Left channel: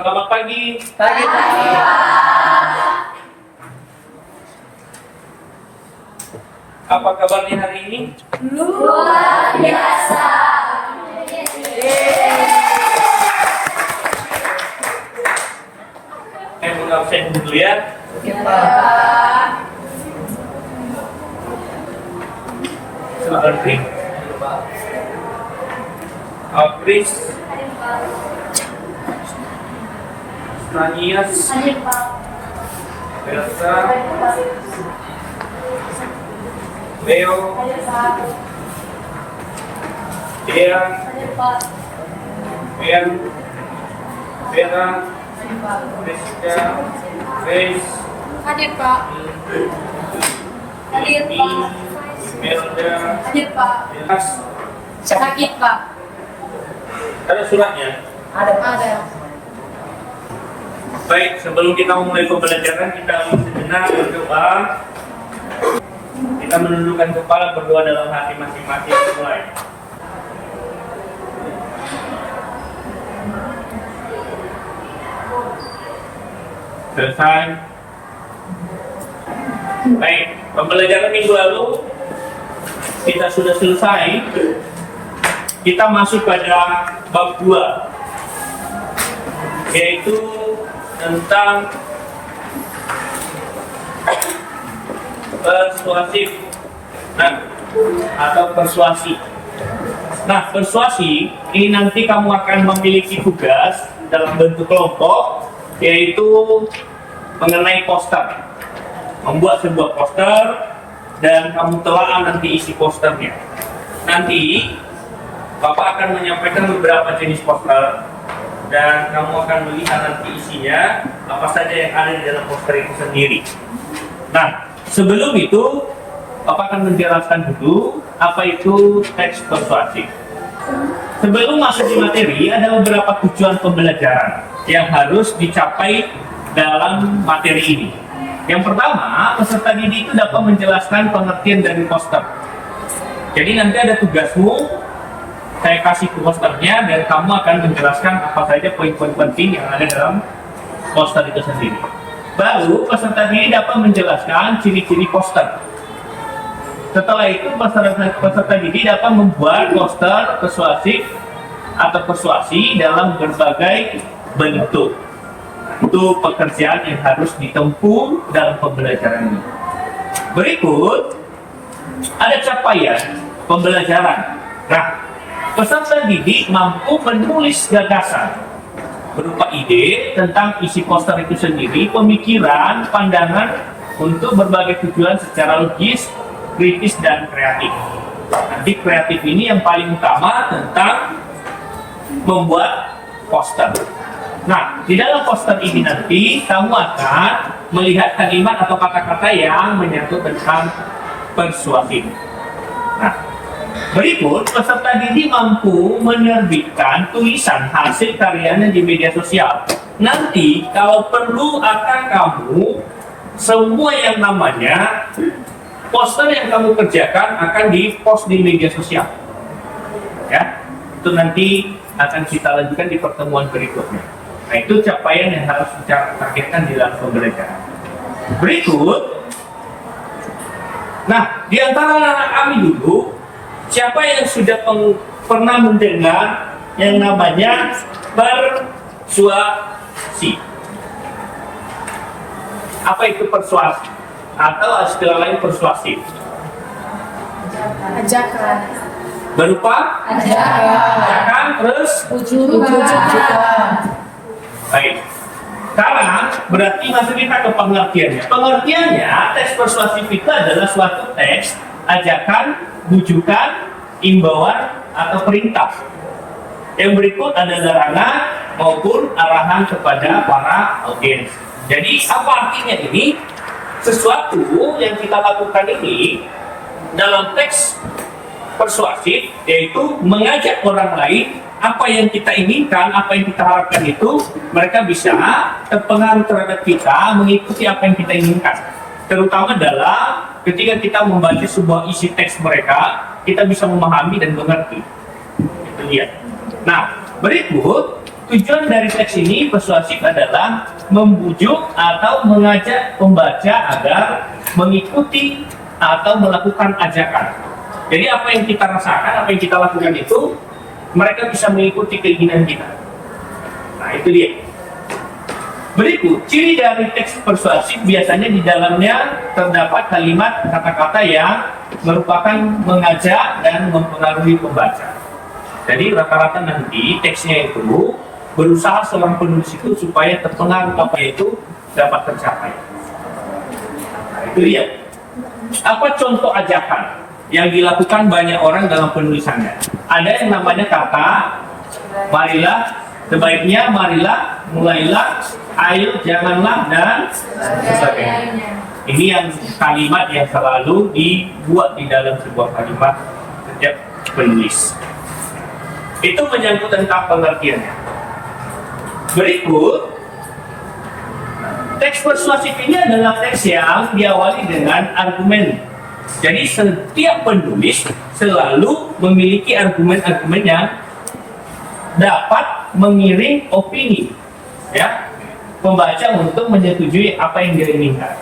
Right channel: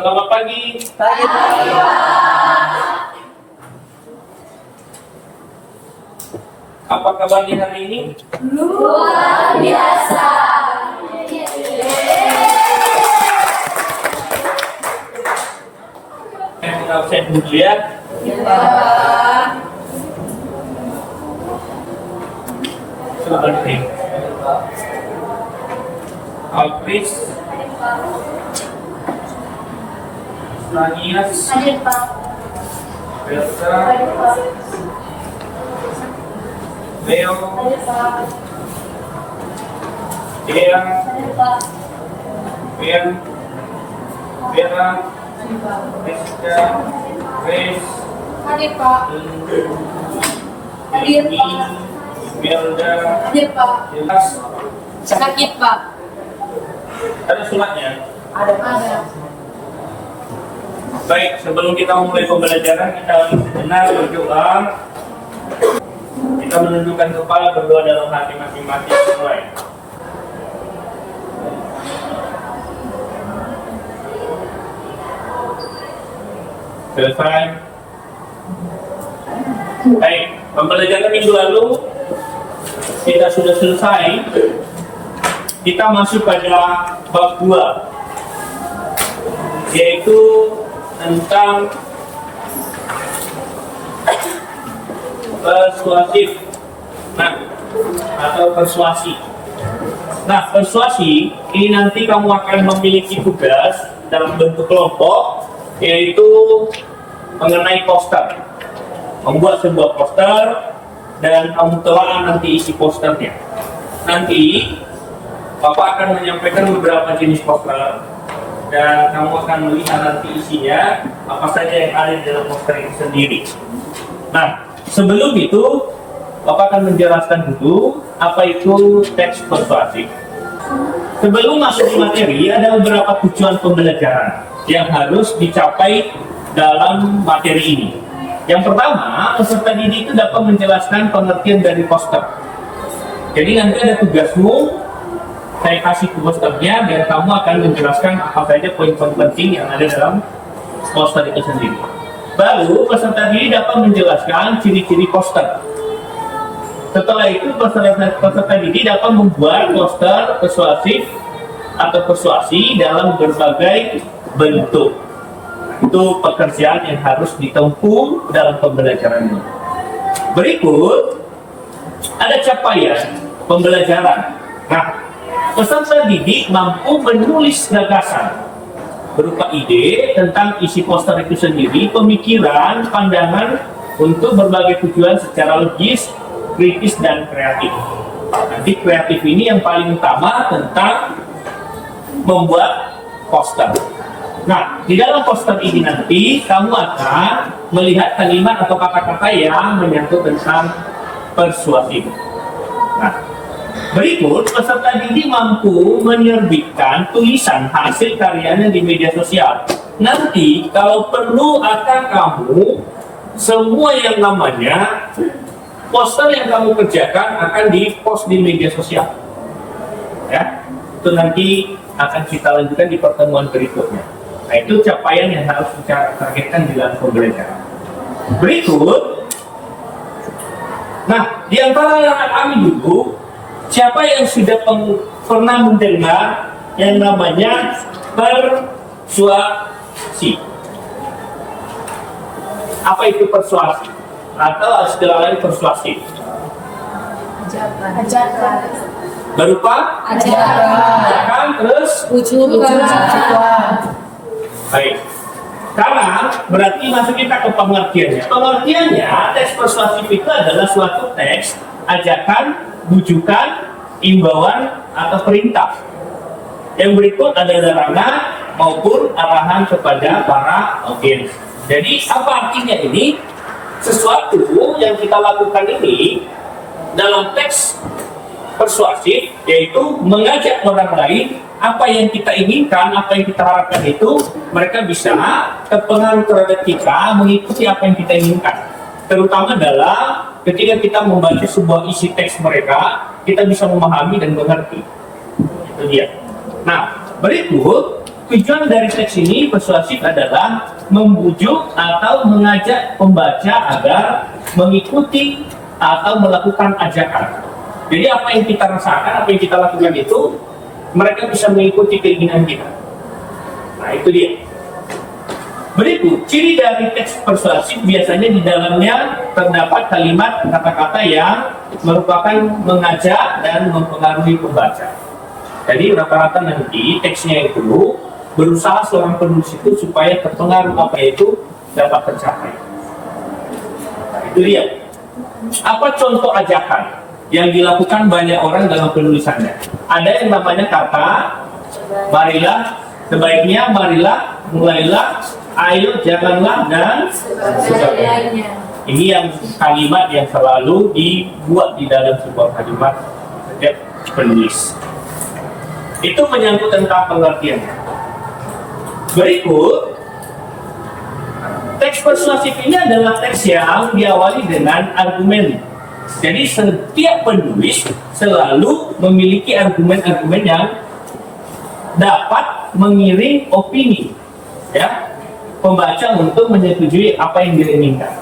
Selamat pagi. Pagi. Apa kabarnya hari ini? Luar biasa. Saya mengabsen dulu ya. Silakan Pring. Alpris. Nanias. Elsa. Leo. Dea. Ben. Vera. Rizka. Grace. Hadir Pak. Hadir Amy, Pak. Melda. Hadir Pak. Elas. Sakit Pak. Ada suratnya? Ada. Baik, sebelum kita memulai pembelajaran, kita sejenak berdoa. Kita menundukkan kepala, berdoa dalam hati masing-masing. Mulai. Selesai. Baik, pembelajaran minggu lalu kita sudah selesai. Kita masuk pada bab 2, yaitu tentang persuasif, atau persuasi. Nah, persuasi ini nanti kamu akan memiliki tugas dalam bentuk kelompok, yaitu mengenai poster, membuat sebuah poster dan kamu telah nanti isi posternya. Nanti Bapak akan menyampaikan beberapa jenis poster dan kamu akan melihat nanti isinya apa saja yang ada di dalam poster itu sendiri. Nah, sebelum itu Bapak akan menjelaskan dulu apa itu teks persuasif. Sebelum masuk di materi, ada beberapa tujuan pembelajaran yang harus dicapai dalam materi ini. Yang pertama, peserta didik itu dapat menjelaskan pengertian dari poster. Jadi nanti ada tugasmu, saya kasih posternya dan kamu akan menjelaskan apa saja poin-poin penting yang ada dalam poster itu sendiri. Baru peserta didik dapat menjelaskan ciri-ciri poster. Setelah itu peserta didik dapat membuat poster persuasif atau persuasi dalam berbagai bentuk. Itu pekerjaan yang harus ditempuh dalam pembelajaran ini. Berikut ada capaian pembelajaran. Nah, peserta didik mampu menulis gagasan berupa ide tentang isi poster itu sendiri, pemikiran, pandangan untuk berbagai tujuan secara logis, kritis, dan kreatif. Nanti kreatif ini yang paling utama tentang membuat poster. Nah, di dalam poster ini nanti kamu akan melihat kalimat atau kata-kata yang menyangkut tentang persuasif. Nah, berikut peserta didik mampu menerbitkan tulisan hasil karyanya di media sosial. Nanti kalau perlu akan kamu semua yang namanya poster yang kamu kerjakan akan di-post di media sosial. Ya, itu nanti akan kita lanjutkan di pertemuan berikutnya. Nah, itu capaian yang harus kita targetkan di dalam pembelajaran. Berikut, nah, di antara anak kami dulu, siapa yang sudah pernah mendengar yang namanya persuasi? Apa itu persuasi? Atau istilah lain persuasif? Ajakan. Berupa? Ajakan, terus? Tujuan. Baik. Sekarang berarti masuk kita ke pengertiannya. Pengertiannya, teks persuasif itu adalah suatu teks, ajakan, bujukan, imbauan, atau perintah. Yang berikut ada larangan maupun arahan kepada para audiens. Jadi apa artinya ini? Sesuatu yang kita lakukan ini dalam teks persuasif, yaitu mengajak orang lain apa yang kita inginkan, apa yang kita harapkan itu mereka bisa terpengaruh terhadap kita, mengikuti apa yang kita inginkan. Terutama dalam ketika kita membaca sebuah isi teks mereka, kita bisa memahami dan mengerti. Itu dia. Nah, berikut tujuan dari teks ini persuasif adalah membujuk atau mengajak pembaca agar mengikuti atau melakukan ajakan. Jadi apa yang kita rasakan, apa yang kita lakukan itu, mereka bisa mengikuti keinginan kita. Nah, itu dia. Berikut, ciri dari teks persuasif biasanya di dalamnya terdapat kalimat kata-kata yang merupakan mengajak dan mempengaruhi pembaca. Jadi rata-rata nanti teksnya itu berusaha seorang penulis itu supaya terpengaruh apa itu dapat tercapai. Nah, itu dia. Apa contoh ajakan yang dilakukan banyak orang dalam penulisannya? Ada yang namanya kata, marilah, sebaiknya, marilah, mulailah, ayo, janganlah, dan sebagainya. Ini yang kalimat yang selalu dibuat di dalam sebuah kalimat setiap penulis. Itu menyangkut tentang pengertiannya. Berikut, teks persuasif ini adalah teks yang diawali dengan argumen. Jadi setiap penulis selalu memiliki argumen-argumen yang dapat mengiring opini, ya, pembaca untuk menyetujui apa yang dia inginkan.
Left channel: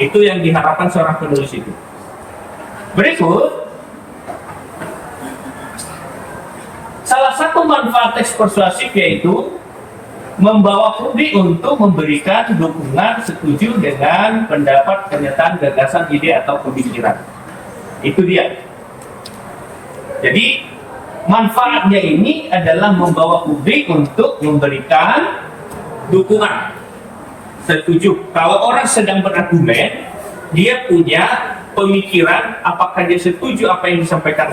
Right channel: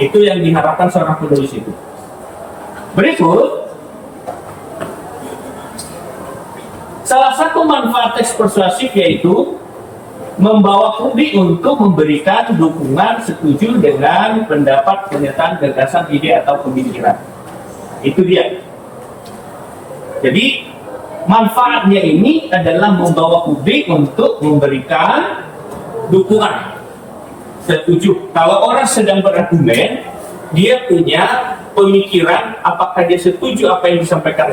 Itu yang diharapkan seorang penulis itu. Berikut, salah satu manfaat teks persuasif yaitu membawa publik untuk memberikan dukungan setuju dengan pendapat, pernyataan, gagasan, ide atau pemikiran. Itu dia. Jadi manfaatnya ini adalah membawa publik untuk memberikan dukungan setuju. Kalau orang sedang berargumen, dia punya pemikiran apakah dia setuju apa yang disampaikan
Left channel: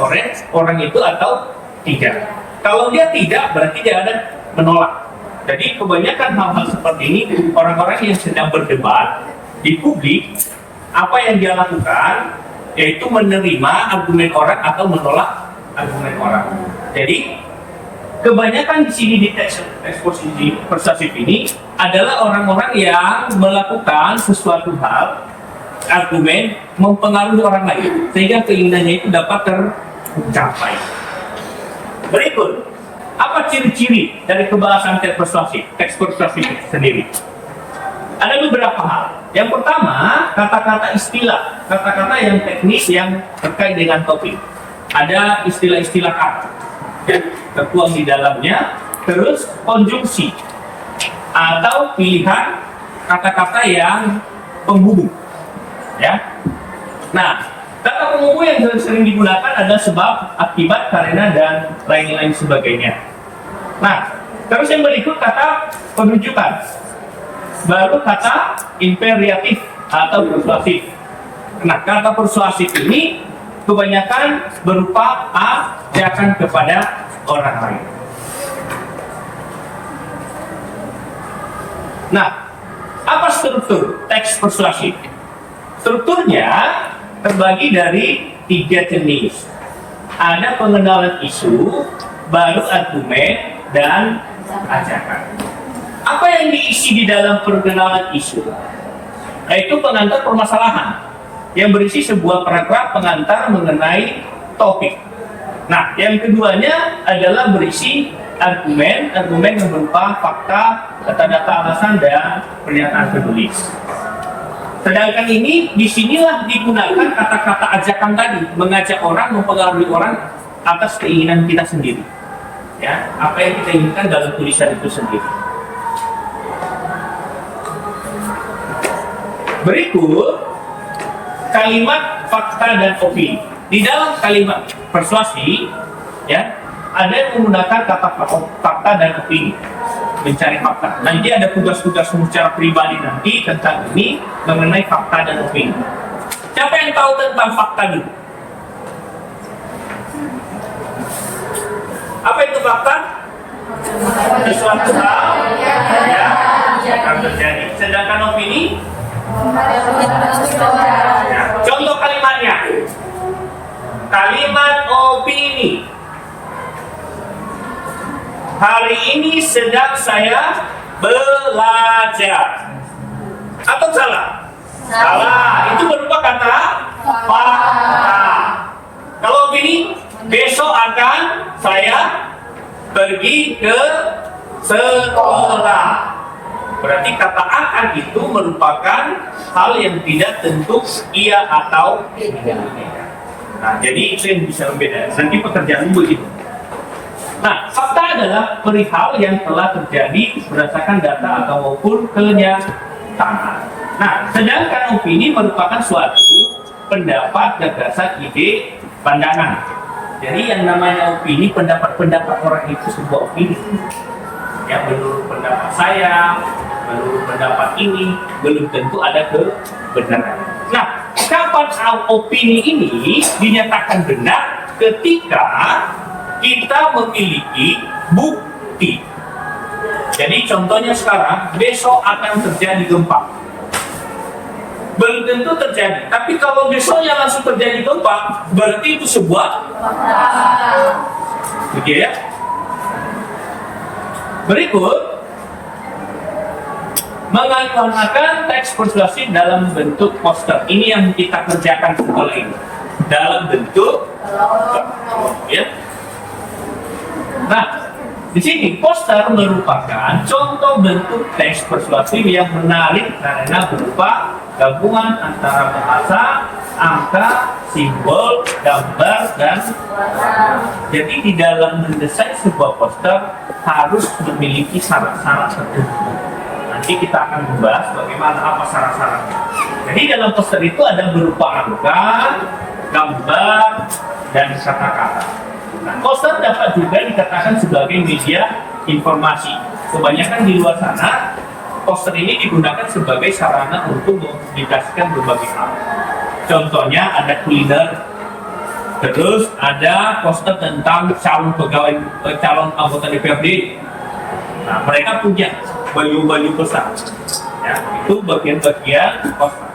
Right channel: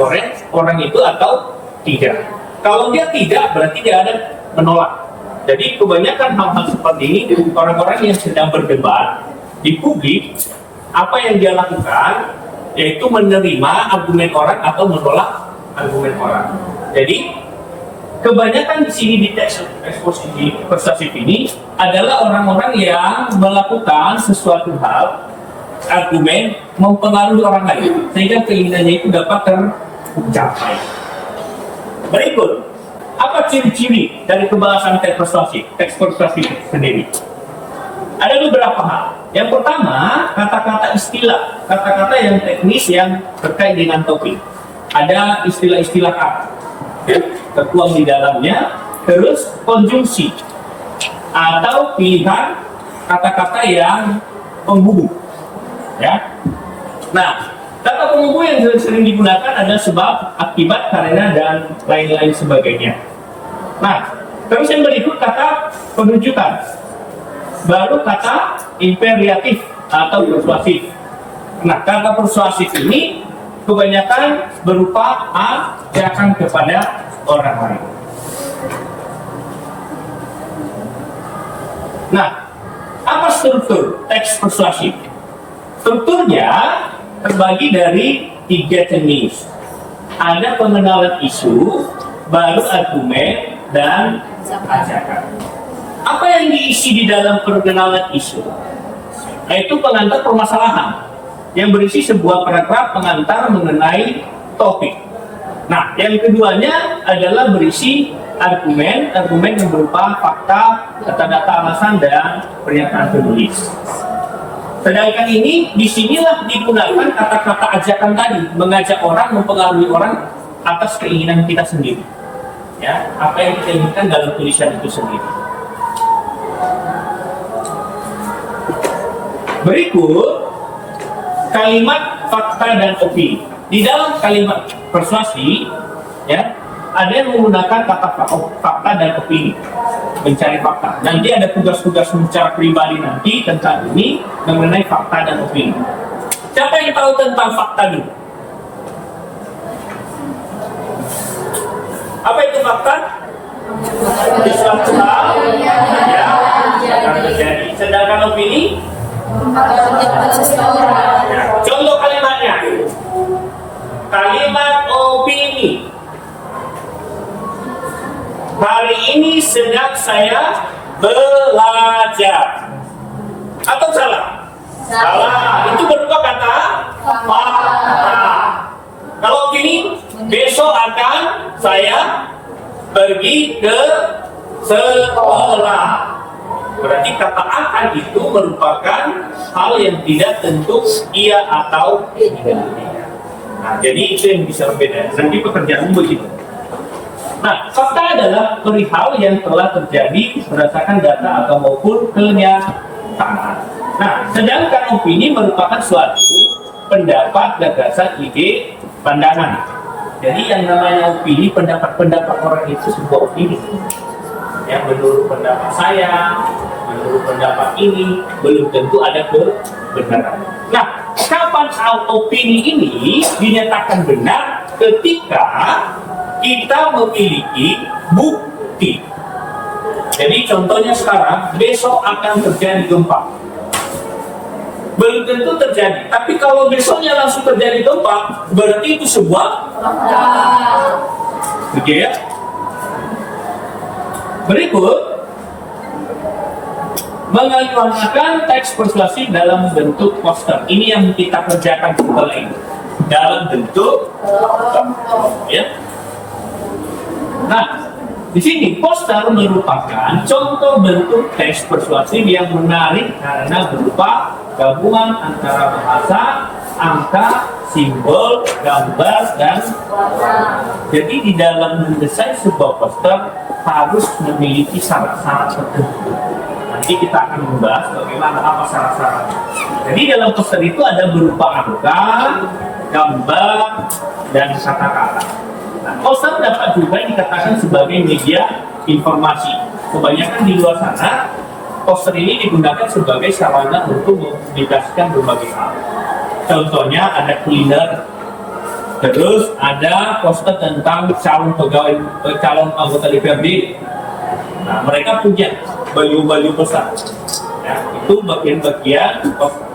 orang itu atau tidak. Kalau dia tidak, berarti dia ada menolak. Jadi kebanyakan hal-hal seperti ini, orang-orang yang sedang berdebat di publik, apa yang dia lakukan yaitu menerima argumen orang atau menolak argumen orang. Jadi kebanyakan di sini di teks persuasif ini adalah orang-orang yang melakukan sesuatu hal, argumen mempengaruhi orang lain sehingga keinginannya itu dapat tercapai. Berikut, apa ciri-ciri dari kebahasan teks persuasif sendiri? Ada beberapa hal. Yang pertama, kata-kata istilah, kata-kata yang teknis yang terkait dengan topik. Ada istilah-istilah kata, ya, tertuang di dalamnya. Terus konjungsi atau pilihan kata-kata yang penghubung, ya. Nah, kata penghubung yang sering digunakan ada sebab, akibat, karena, dan lain-lain sebagainya. Nah, terus yang berikut kata penunjukan. Baru kata imperatif atau persuasif. Nah, kata persuasif ini kebanyakan berupa ajakan kepada orang lain. Nah, apa struktur teks persuasif? Strukturnya terbagi dari 3 jenis. Ada pengenalan isu, baru argumen, dan ajakan. Apa yang diisi di dalam pengenalan isu? Yaitu pengantar permasalahan yang berisi sebuah paragraf pengantar mengenai topik. Nah, yang keduanya adalah berisi argumen yang berupa fakta, data-data alasan, dan pernyataan penulis. Sedangkan ini, disinilah digunakan kata-kata ajakan tadi, mengajak orang, mempengaruhi orang atas keinginan kita sendiri. Ya, apa yang kita inginkan dalam tulisan itu sendiri. Berikut kalimat fakta dan opini. Di dalam kalimat persuasi, ya, ada yang menggunakan kata fakta dan opini, mencari fakta. Nanti ada tugas-tugas secara pribadi nanti tentang ini mengenai fakta dan opini. Siapa yang tahu tentang fakta dulu? Apa itu fakta? Sesuatu hal yang akan terjadi. Sedangkan opini? Contoh kalimatnya. Kalimat opini. Hari ini sedang saya belajar. Atau salah? Salah. Itu berupa kata fakta. Kalau opini, besok akan saya pergi ke setelah. Berarti kata akan itu merupakan hal yang tidak tentu iya atau tidak. Nah, jadi itu yang bisa membedakan. Nanti pekerjaan begitu. Nah, fakta adalah perihal yang telah terjadi berdasarkan data atau maupun kenyataan. Nah, sedangkan opini merupakan suatu pendapat, gagasan, ide, pandangan. Jadi yang namanya opini, pendapat-pendapat orang itu sebuah opini. Yang menurut pendapat saya, menurut pendapat ini, belum tentu ada kebenaran. Nah, kapan opini ini dinyatakan benar? Ketika kita memiliki bukti. Jadi contohnya sekarang, besok akan terjadi gempa. Belum tentu terjadi, tapi kalau besoknya langsung terjadi gempa, berarti itu sebuah oke ya. Berikut, menggunakan teks persuasif dalam bentuk poster. Ini yang kita kerjakan setelah ini. Dalam bentuk ya. Nah, di sini poster merupakan contoh bentuk teks persuasif yang menarik karena berupa gabungan antara bahasa, angka, simbol, gambar, dan jadi di dalam mendesain sebuah poster harus memiliki syarat-syarat tertentu. Nanti kita akan membahas bagaimana apa syarat-syaratnya. Jadi dalam poster itu ada berupa angka, gambar, dan kata-kata. Nah, poster dapat juga dikatakan sebagai media informasi. Kebanyakan di luar sana, poster ini digunakan sebagai sarana untuk mempublikasikan berbagai hal. Contohnya ada kuliner, terus ada poster tentang calon anggota DPRD. Nah, mereka punya baju-baju besar. Ya, itu bagian-bagian poster.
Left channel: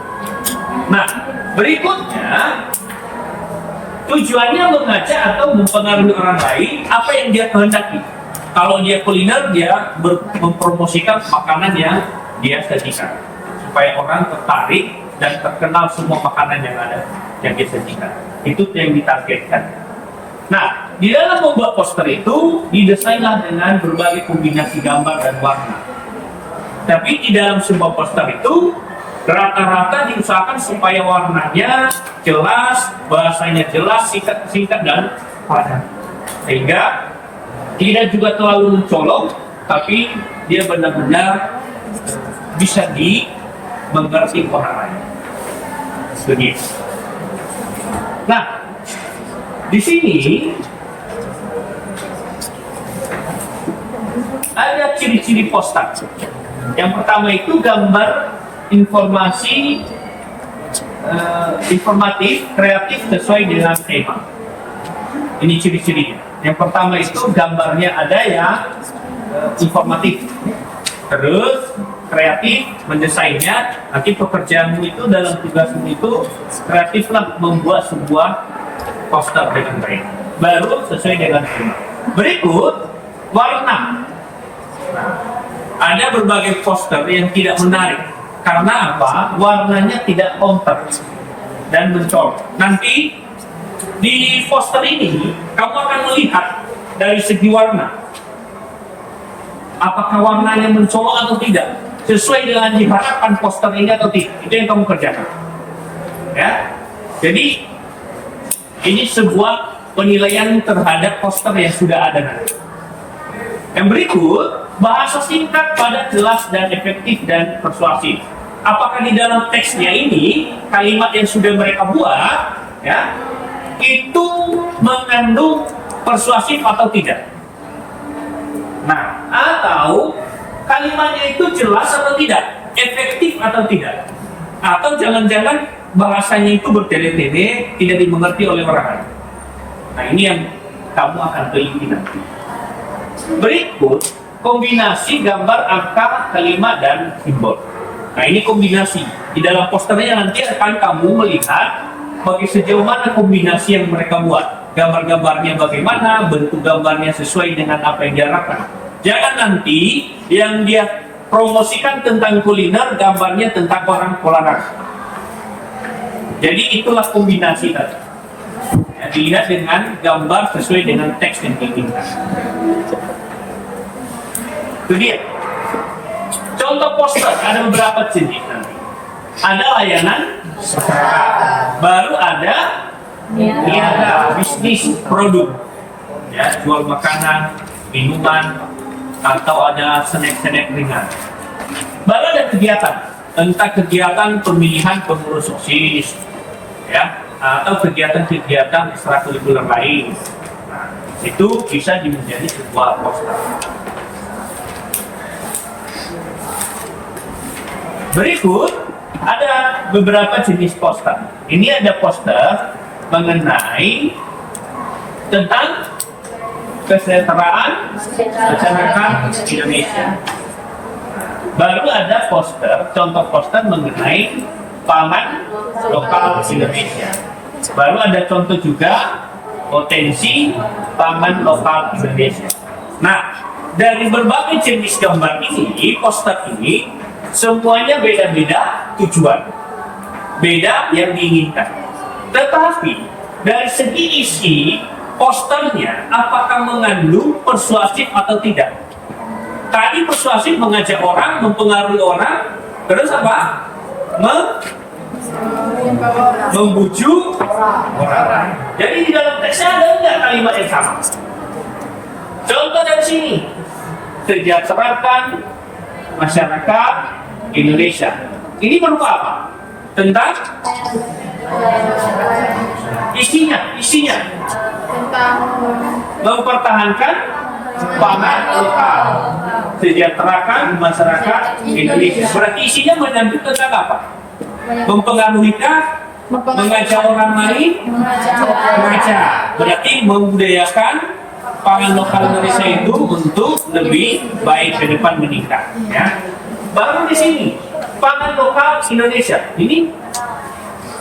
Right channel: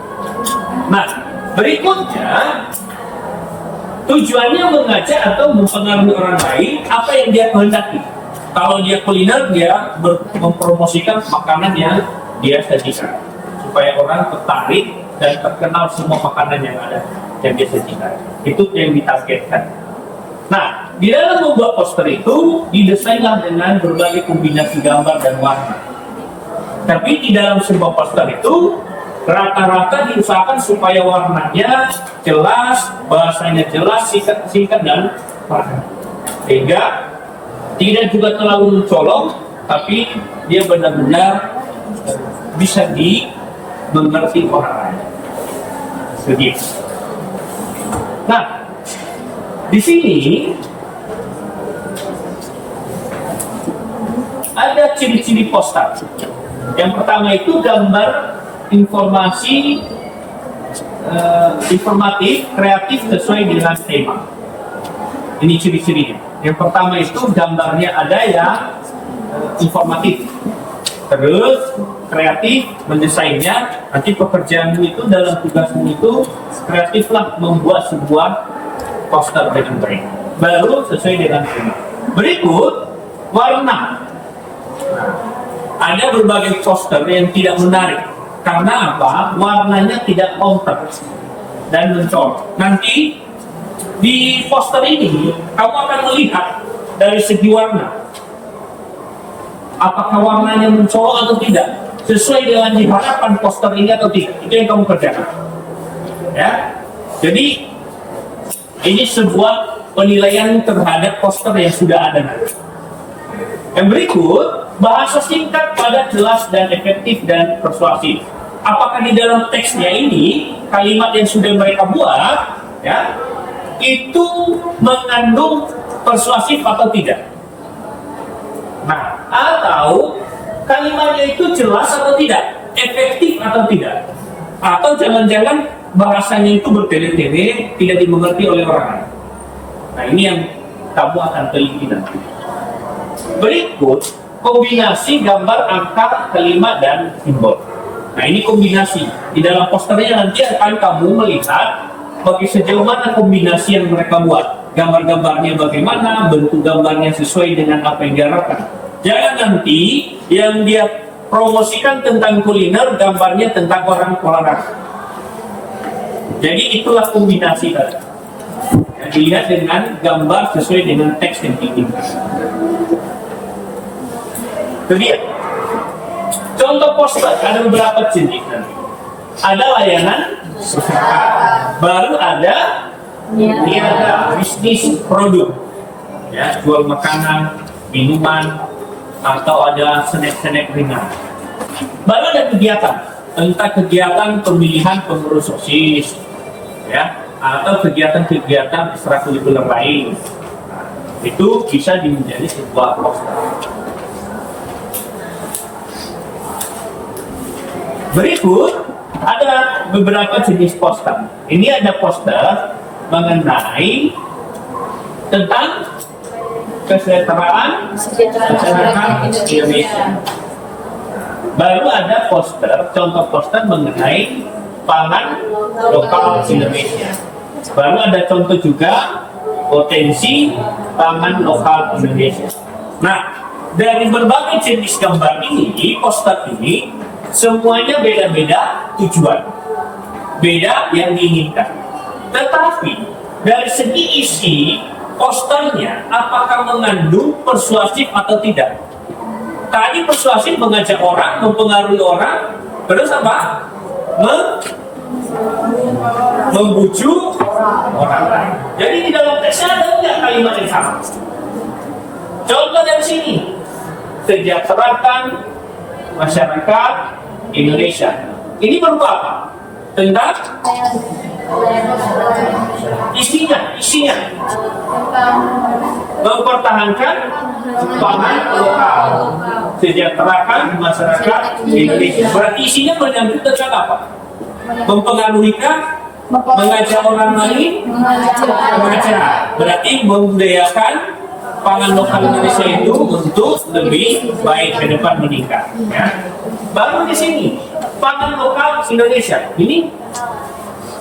Nah, berikutnya tujuannya mengajak atau mempengaruhi orang lain apa yang dia kehendaki. Kalau dia kuliner, dia mempromosikan makanan yang dia sajikan supaya orang tertarik dan terkenal semua makanan yang ada yang dia sajikan. Itu yang ditargetkan. Nah, di dalam membuat poster itu didesainlah dengan berbagai kombinasi gambar dan warna. Tapi di dalam sebuah poster itu rata-rata diusahakan supaya warnanya jelas, bahasanya jelas, singkat dan padat. Sehingga tidak juga terlalu mencolok, tapi dia benar-benar bisa dimengerti orang lain. Begitu. Nah, di sini ada ciri-ciri poster. Yang pertama itu gambar informasi informatif, kreatif sesuai dengan tema. Ini ciri-cirinya. Yang pertama itu gambarnya ada yang informatif, terus kreatif, mendesainnya. Nanti pekerjaanmu itu dalam tugasmu itu kreatiflah membuat sebuah poster dengan baik, baru sesuai dengan tema. Berikut warna. Nah, ada berbagai poster yang tidak menarik. Karena apa? Warnanya tidak kompak dan mencolok. Nanti di poster ini kamu akan melihat dari segi warna, apakah warnanya mencolok atau tidak, sesuai dengan diharapkan poster ini atau tidak. Itu yang kamu kerjakan. Ya, jadi ini sebuah penilaian terhadap poster yang sudah ada nanti. Yang berikut, bahasa singkat, padat, jelas, dan efektif dan persuasif. Apakah di dalam teksnya ini kalimat yang sudah mereka buat, ya, itu mengandung persuasif atau tidak? Nah, atau kalimatnya itu jelas atau tidak, efektif atau tidak, atau jangan-jangan bahasanya itu bertele-tele, tidak dimengerti oleh orang lain. Nah, ini yang kamu akan teliti nanti. Berikut kombinasi gambar, angka, kalimat, dan simbol. Nah, ini kombinasi. Di dalam posternya nanti akan kamu melihat bagi sejauh mana kombinasi yang mereka buat. Gambar-gambarnya bagaimana, bentuk gambarnya sesuai dengan apa yang diharapkan. Jangan nanti yang dia promosikan tentang kuliner, gambarnya tentang orang olahraga. Jadi itulah kombinasi tadi. Ya, dilihat dengan gambar sesuai dengan teks yang diinginkan. Itu dia. Contoh poster ada beberapa jenis nanti. Ada layanan masyarakat, baru ada niaga, bisnis produk, ya jual makanan, minuman, atau ada snack-snack ringan. Baru ada kegiatan, entah kegiatan pemilihan pengurus OSIS, ya, atau kegiatan-kegiatan ekstrakurikuler lain. Nah, itu bisa menjadi sebuah poster. Berikut ada beberapa jenis poster. Ini ada poster mengenai tentang kesejahteraan masyarakat Indonesia. Baru ada poster, contoh poster mengenai pangan lokal Indonesia. Baru ada contoh juga potensi pangan lokal Indonesia. Nah, dari berbagai jenis gambar ini, poster ini, semuanya beda-beda tujuan, beda yang diinginkan. Tetapi dari segi isi posternya, apakah mengandung persuasif atau tidak? Tadi persuasif mengajak orang, mempengaruhi orang, terus apa? Membujuk orang. Jadi di dalam teksnya ada nggak kalimat yang sama? Contoh dari sini, sejahterakan masyarakat Indonesia. Ini berupa apa? Tentang isinya mempertahankan pangan lokal, sejahterakan masyarakat Indonesia. Berarti isinya menyangkut tentang apa? Mempengaruhikah? Mengajak orang lain? Mengajak. Berarti membudayakan pangan lokal Indonesia itu untuk lebih baik ke depan meningkat. Ya. Baru di sini pangan lokal Indonesia ini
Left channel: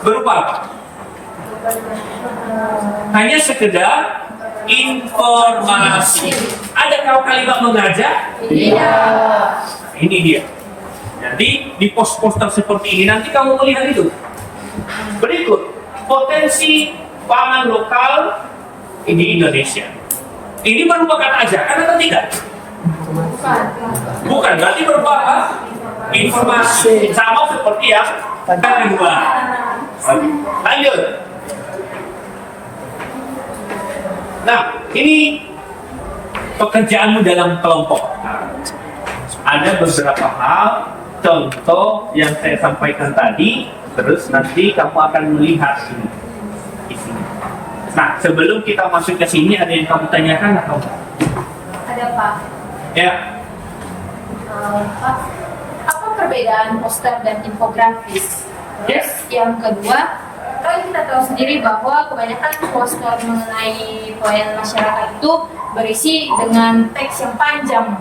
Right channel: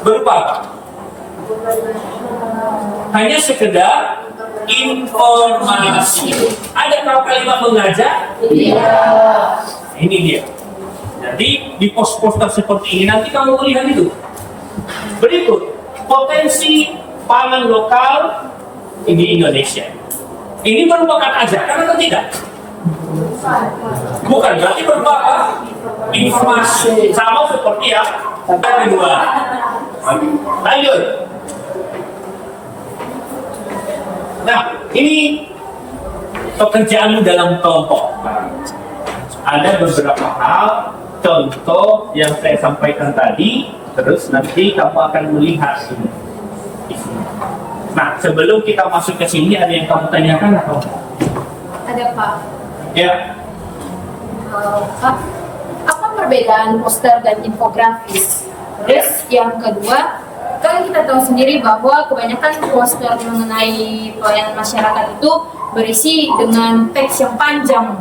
berupa apa? Hanya sekedar informasi. Ada kalimat mengajak? Iya. Ini dia. Jadi di poster seperti ini nanti kamu melihat itu. Berikut potensi pangan lokal di Indonesia. Ini merupakan ajakan atau tidak? Bukan, berarti berupa apa? Informasi. Sama seperti yang kedua. Lanjut. Nah, ini pekerjaanmu dalam kelompok. Ada beberapa hal, contoh yang saya sampaikan tadi, terus nanti kamu akan melihat ini. Nah, sebelum kita masuk ke sini, ada yang kamu tanyakan atau enggak? Ada Pak. Ya. Apa perbedaan poster dan infografis? Terus yang kedua, kan kita tahu sendiri bahwa kebanyakan poster mengenai pelayanan masyarakat itu berisi dengan teks yang panjang.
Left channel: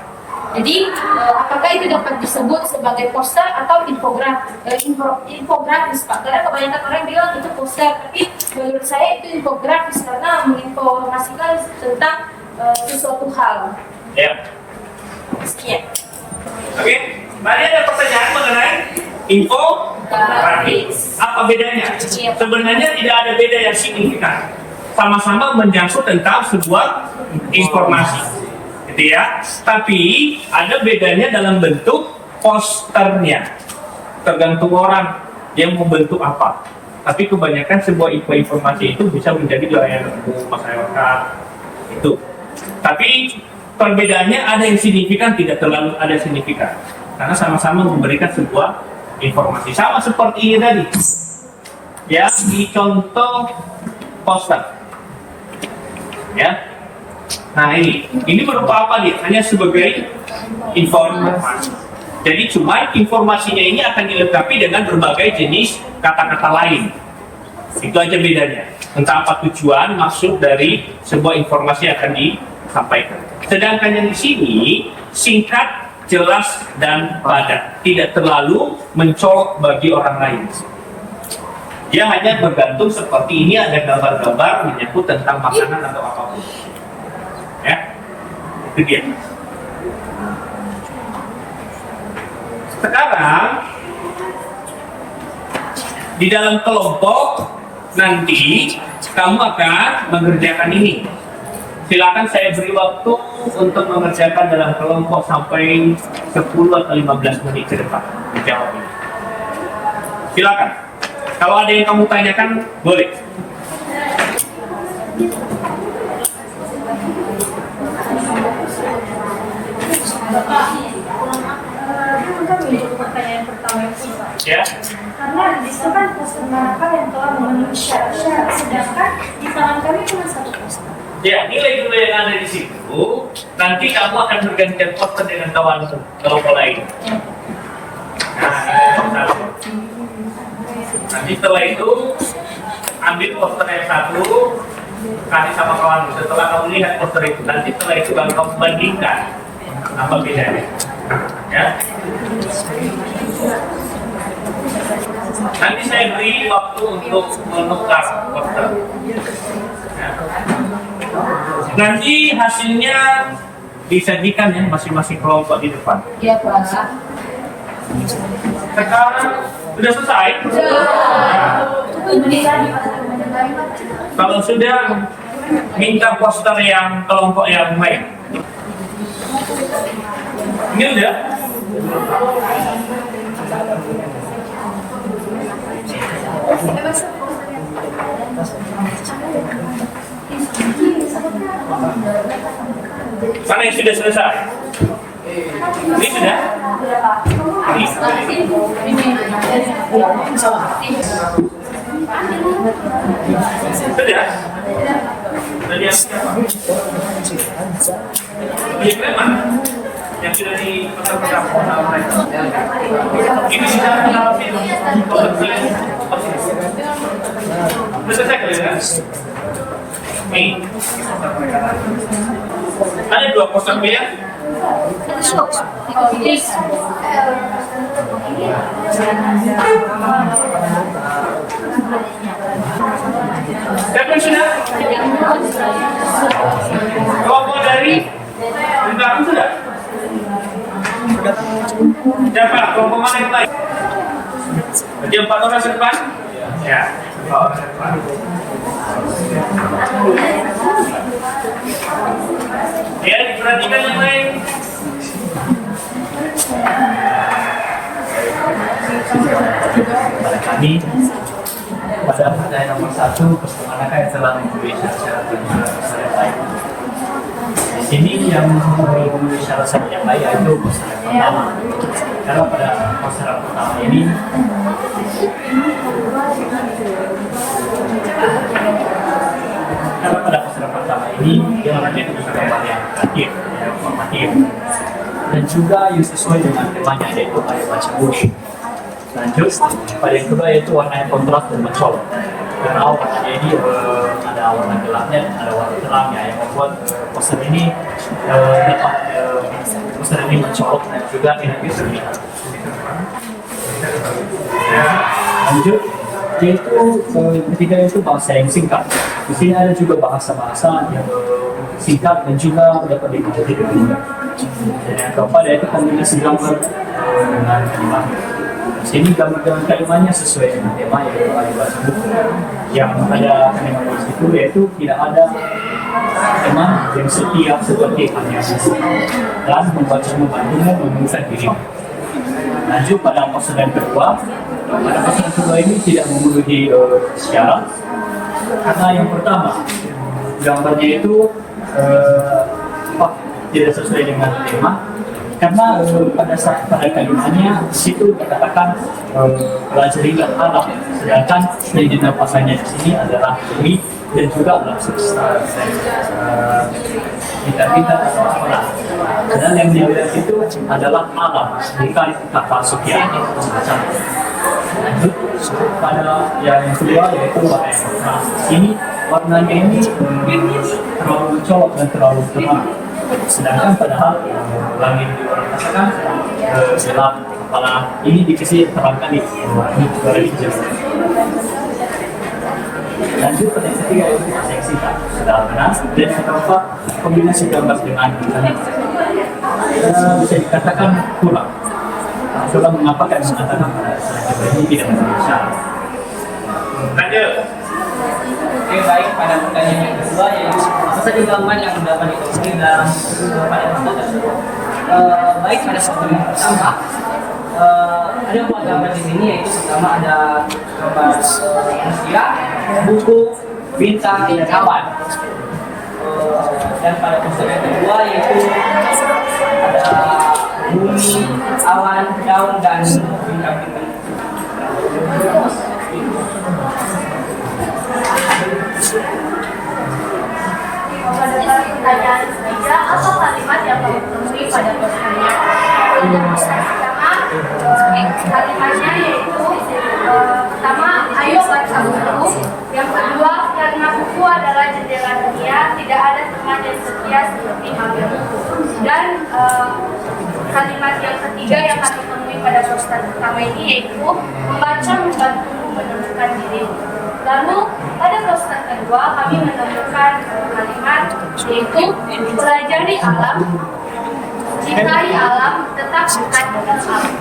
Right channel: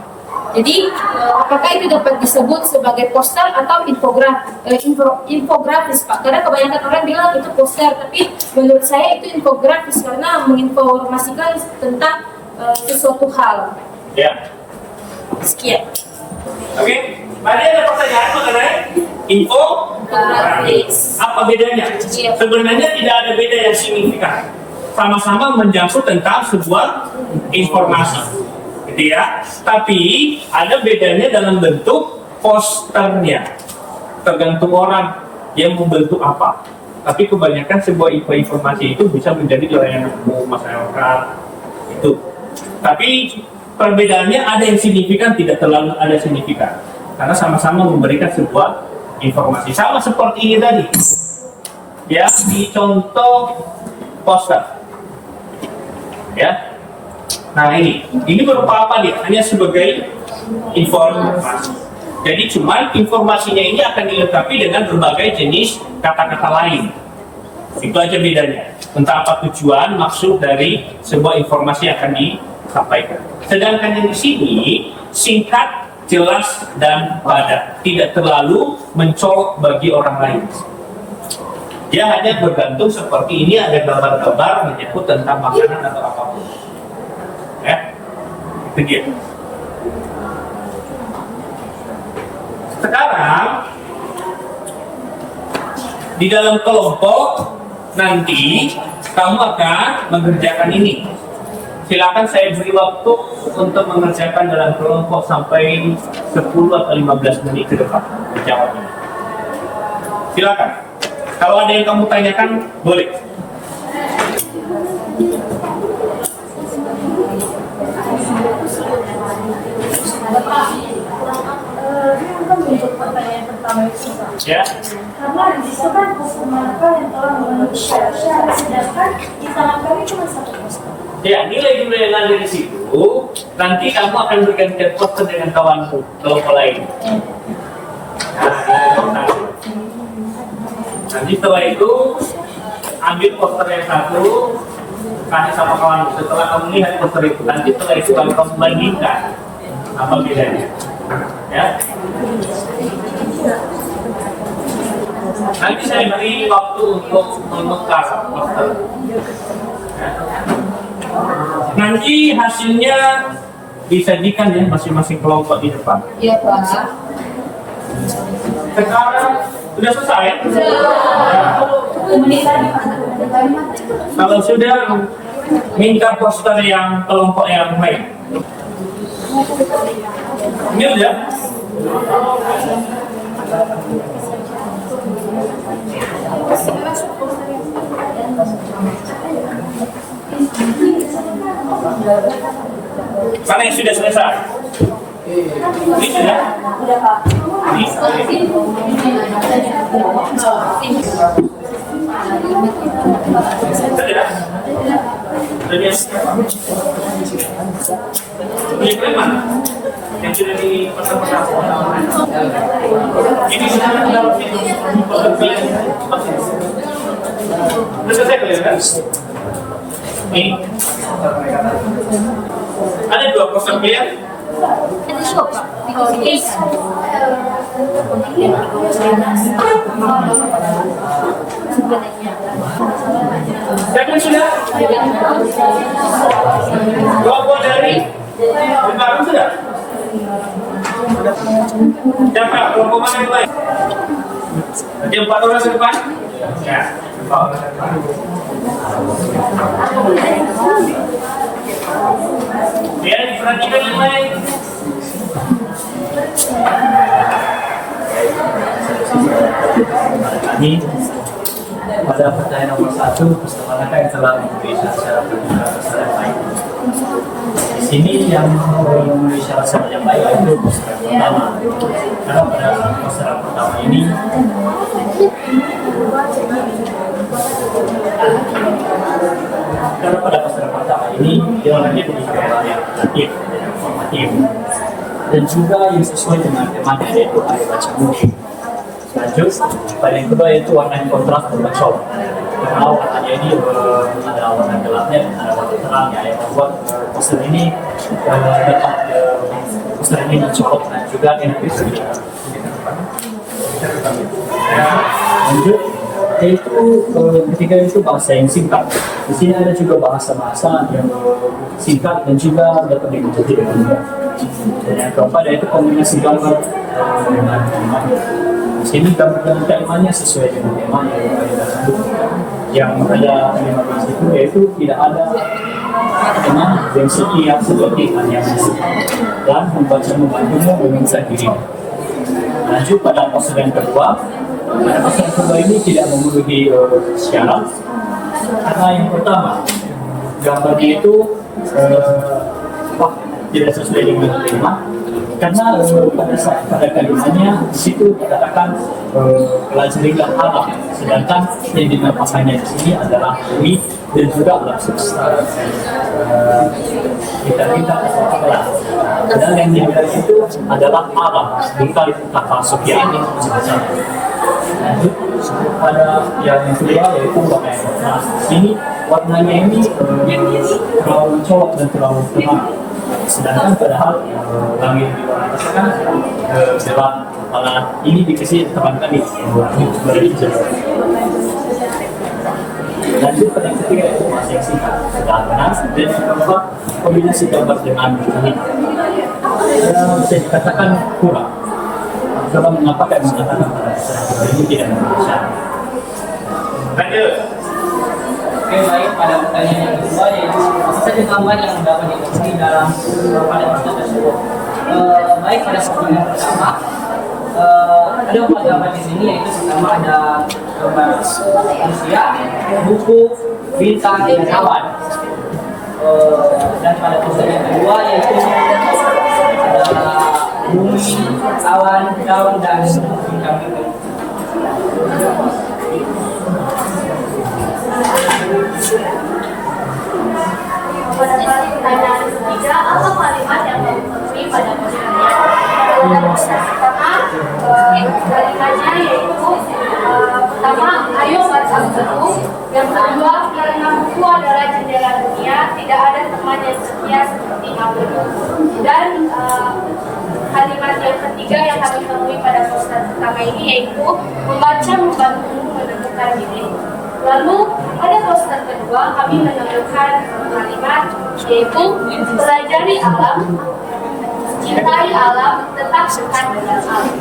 Jadi, apakah itu dapat disebut sebagai poster atau infografis, Pak? Karena kebanyakan orang bilang itu poster, tapi menurut saya itu infografis karena menginformasikan tentang sesuatu hal. Ya. Sekian. Oke. Tadi ada pertanyaan mengenai infografis. Apa bedanya? Sebenarnya tidak ada beda yang signifikan. Sama-sama menjangkut tentang sebuah informasi. Gitu ya. Tapi ada bedanya dalam bentuk posternya. Tergantung orang yang membentuk apa. Tapi kebanyakan sebuah informasi itu bisa menjadi layanan umum masyarakat itu. Tapi perbedaannya ada yang signifikan, tidak terlalu ada signifikan. Karena sama-sama memberikan sebuah informasi. Sama seperti ini tadi. Ya, di contoh poster. Ya. Nah ini berupa apa nih? Hanya sebagai informasi. Jadi cuma informasinya ini akan dilengkapi dengan berbagai jenis kata-kata lain. Itu aja bedanya. Entah apa tujuan, maksud dari sebuah informasi yang akan disampaikan. Sedangkan yang di sini singkat, jelas dan padat, tidak terlalu mencolok bagi orang lain. Dia hanya bergantung seperti ini, ada gambar-gambar menyebut tentang makanan atau apapun. Ya, itu dia. Sekarang di dalam kelompok nanti kamu akan mengerjakan ini. Silakan saya beri waktu untuk mengerjakan dalam kelompok sampai 10 atau 15 menit ke depan menjawab ini. Silakan. Kalau ada yang kamu tanyakan, boleh. Ya. Karena di situ kan mereka yang telah memenuhi syarat, sedangkan di tangan kami itu masih Ya, nilai-nilai yang ada di situ, nanti kamu akan bergantian poster dengan kawanmu kalau lain. Nanti setelah itu, ambil poster yang satu, kasih sama kawan. Setelah kamu lihat poster itu, nanti setelah itu baru kamu bandingkan apa bedanya. Ya. Nanti saya beri waktu untuk menukar poster. Ya. Nanti hasilnya disajikan ya masing-masing kelompok di depan. Iya, Pak. Sekarang sudah selesai. Kalau sudah, minta poster yang kelompok yang lain. Ini udah. Mana yang sudah selesai? Ini sudah? Ini. Sudah? Sudah. Yang mana? Yang sudah di ini sudah dalam video. Sudah selesai kalian kan? Nih. Ada 2 poster clear? Itu suka, Pak. Siapa sudah? Kelompok dari Barang sudah? Siapa? Kelompok mana yang lain? Ada 4 orang ke depan? Ya. Ya, diperhatikan yang lain. Kami pada pertanyaan nomor 1, manakah yang telah memenuhi syarat penggunaan peserta yang baik? Di sini yang memenuhi syarat yang baik yaitu peserta pertama. Karena pada peserta pertama ini dia menjadi pengalaman yang aktif, informatif, dan juga yang sesuai dengan temanya yaitu ada baca buku. Lanjut, pada yang kedua yaitu warna yang kontras dan mencolok. Karena warnanya ini ada warna gelapnya dan ada warna terangnya yang membuat poster ini dapat poster ini mencolok dan juga enak dilihat. Lanjut, yaitu ketiga itu bahasa yang singkat. Di sini ada juga bahasa-bahasa yang singkat dan juga dapat dimengerti dengan mudah. Dan yang keempat yaitu kombinasi gambar dengan kalimat. Di sini gambar dengan kalimatnya sesuai dengan tema yang ada bahasa buku. Yang ada kalimat di situ yaitu tidak ada tema yang setiap seperti hanya dan membantumu mengingat diri. Lanjut pada poster yang kedua. Pada poster yang kedua ini tidak memenuhi syarat karena yang pertama gambarnya itu tidak sesuai dengan tema karena pada kalimatnya di situ dikatakan pelajarilah alam, sedangkan yang dinamakannya di sini adalah bumi dan juga alam semesta kita atau apalah. Dan yang dibilang itu adalah alam bukan kata Sofiani semacam. Lanjut pada yang kedua yaitu warna yang kontras. Ini warnanya ini terlalu mencolok dan terlalu terang. Sedangkan padahal langit di warna kan gelap, malah ini dikasih terang kali berhijau. Lanjut pada yang ketiga yaitu bahasa yang singkat sudah benar. Dan yang keempat kombinasi gambar dengan kalimat bisa dikatakan kurang. Coba mengapa kan mengatakan pada ini tidak memenuhi syarat. Lanjut. Oke, baik, pada pertanyaan yang kedua yaitu apa saja gambar yang dapat ditemui dalam pada poster tersebut. Baik, pada poster yang pertama ada 4 gambar di sini, yaitu pertama ada gambar manusia, buku, bintang, dan awan. Dan pada poster yang kedua yaitu ada bumi, awan, daun, dan bintang-bintang. Pertanyaan ketiga, apa kalimat yang kamu temui pada posternya? Pertama, kalimatnya yaitu pertama, ayo baca buku. Yang kedua, karena buku adalah jendela dunia, tidak ada teman yang setia seperti kami. Dan kalimat yang ketiga yang kami temui pada poster pertama ini yaitu membaca membantumu menemukan dirimu. Lalu pada poster kedua kami menemukan kalimat yaitu pelajari alam, cintai alam, tetap dekat dengan alam.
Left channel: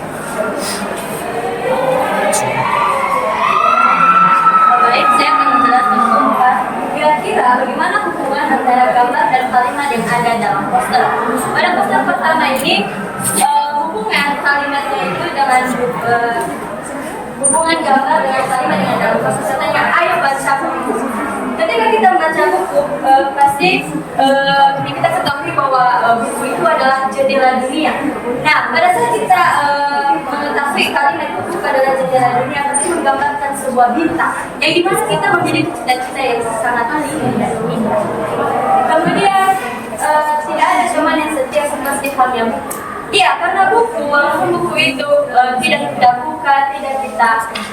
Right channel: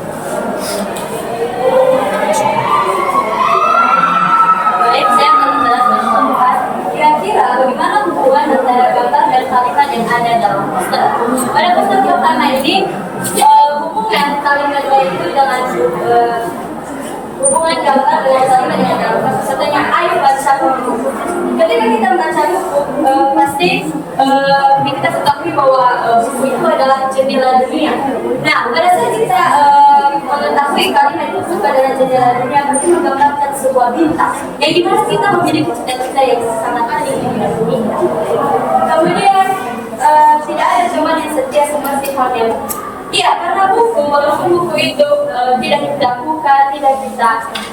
Baik, saya akan menjelaskan keempat. Kira-kira bagaimana hubungan antara gambar dan kalimat yang ada dalam poster? Pada poster pertama ini, hubungan kalimatnya itu dengan hubungan gambar dengan kalimat yang dalam poster. Contohnya, ayo baca buku. Ketika kita membaca buku, pasti kita ketahui bahwa buku itu adalah jendela dunia. Nah, pada saat kita mengetahui kalimat itu adalah jendela dunia, pasti menggambarkan sebuah bintang yang dimana kita memiliki cita-cita yang sangat tinggi di dunia. Kemudian tidak ada teman yang setia seperti halnya. Iya, karena buku, walaupun buku itu tidak kita buka, tidak kita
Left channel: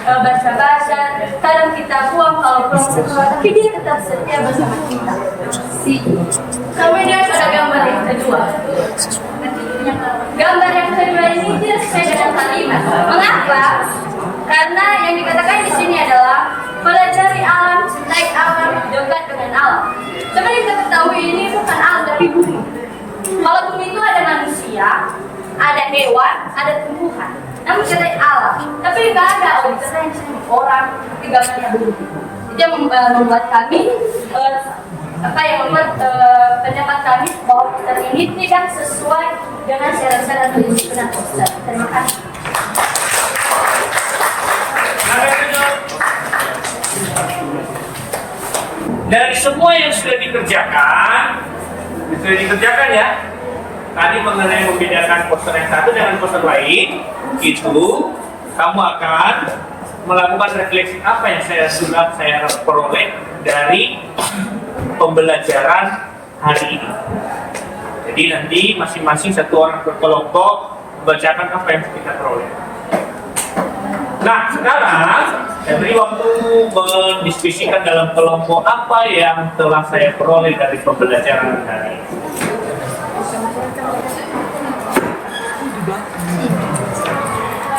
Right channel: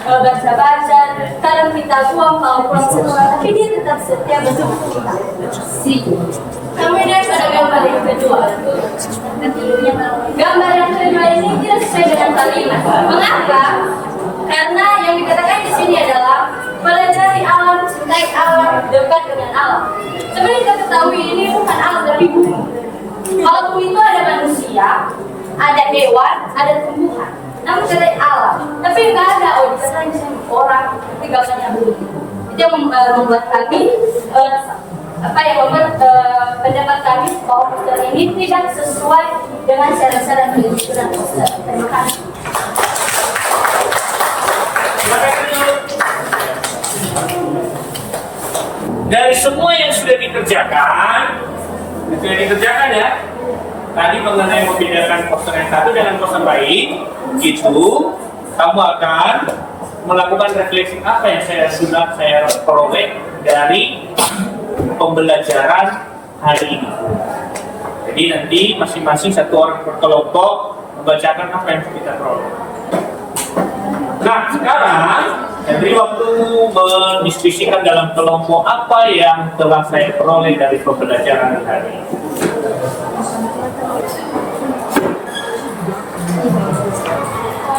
baca-baca, kadang kita buang kalau proses, tapi dia tetap setia bersama kita. Kemudian pada gambar yang kedua, gambar yang kedua ini tidak sesuai dengan kalimat. Mengapa? Karena yang dikatakan di sini adalah pelajari alam, cintai alam, dekat dengan alam. Sebenarnya kita ketahui ini bukan alam tapi bumi. Kalau bumi itu ada manusia, ada hewan, ada tumbuhan. Namun kita alam, tapi nggak ada dikatakan misalnya orang, tapi gambarnya begitu. Itu yang membuat kami yang membuat pendapat kami bahwa poster ini tidak sesuai dengan syarat-syarat penyusunan poster. Terima kasih. Dari semua yang sudah dikerjakan ya. Tadi mengenai membedakan poster yang satu dengan poster lain, itu kamu akan melakukan refleksi apa yang saya peroleh dari pembelajaran hari ini. Jadi nanti masing-masing satu orang berkelompok membacakan apa yang kita peroleh. Nah, sekarang saya beri waktu mendiskusikan dalam kelompok apa yang telah saya peroleh dari pembelajaran hari ini.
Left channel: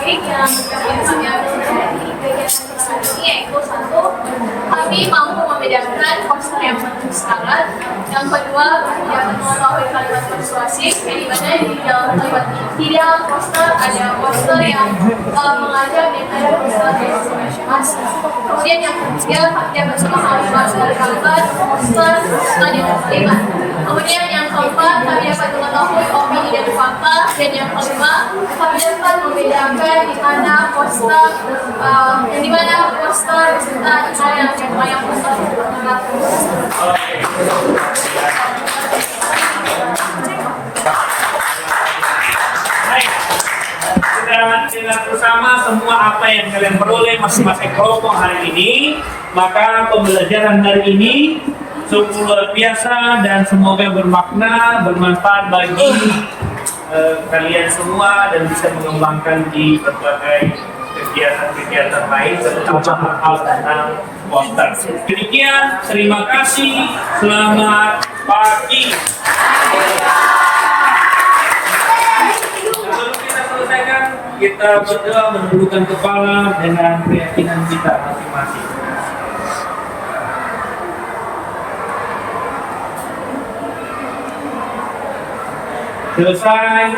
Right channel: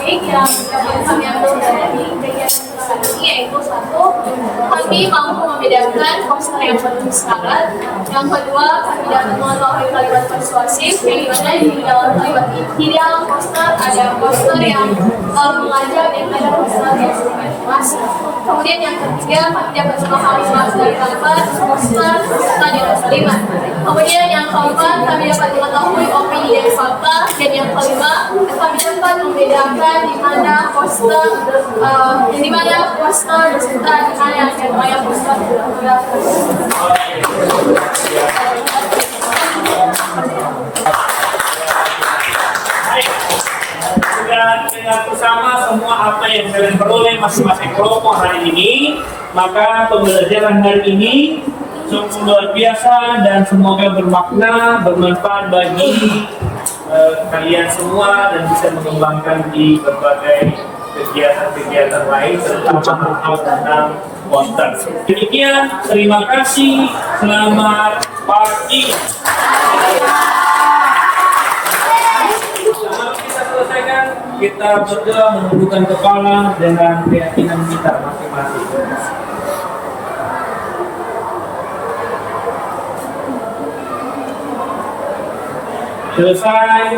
Baik, yang kami ambil dari kegiatan ini yaitu satu, kami mampu membedakan poster yang bertulis syarat. Yang kedua, kami dapat mengetahui kalimat persuasif, yang dimana di dalam kalimat ini, di dalam poster ada poster yang mengajak dan ada poster yang masing-masing. Kemudian yang ketiga, kami dapat memahami bahasa dari kalimat, poster, serta dengan kalimat. Kemudian yang keempat, kami dapat mengetahui opini dari fakta. Dan yang kelima, kami dapat membedakan di mana poster, di mana poster beserta di mana yang poster bergerak. Baik, sudah dengar bersama semua apa yang kalian peroleh masing-masing kelompok hari ini, maka pembelajaran hari ini sungguh luar biasa dan semoga bermakna, bermanfaat bagi kalian semua dan bisa mengembangkan di berbagai kegiatan-kegiatan lain terutama hal tentang poster. Demikian, terima kasih, selamat pagi. Sebelum kita selesaikan, kita berdoa menundukkan kepala dengan keyakinan kita masing-masing. Selesai.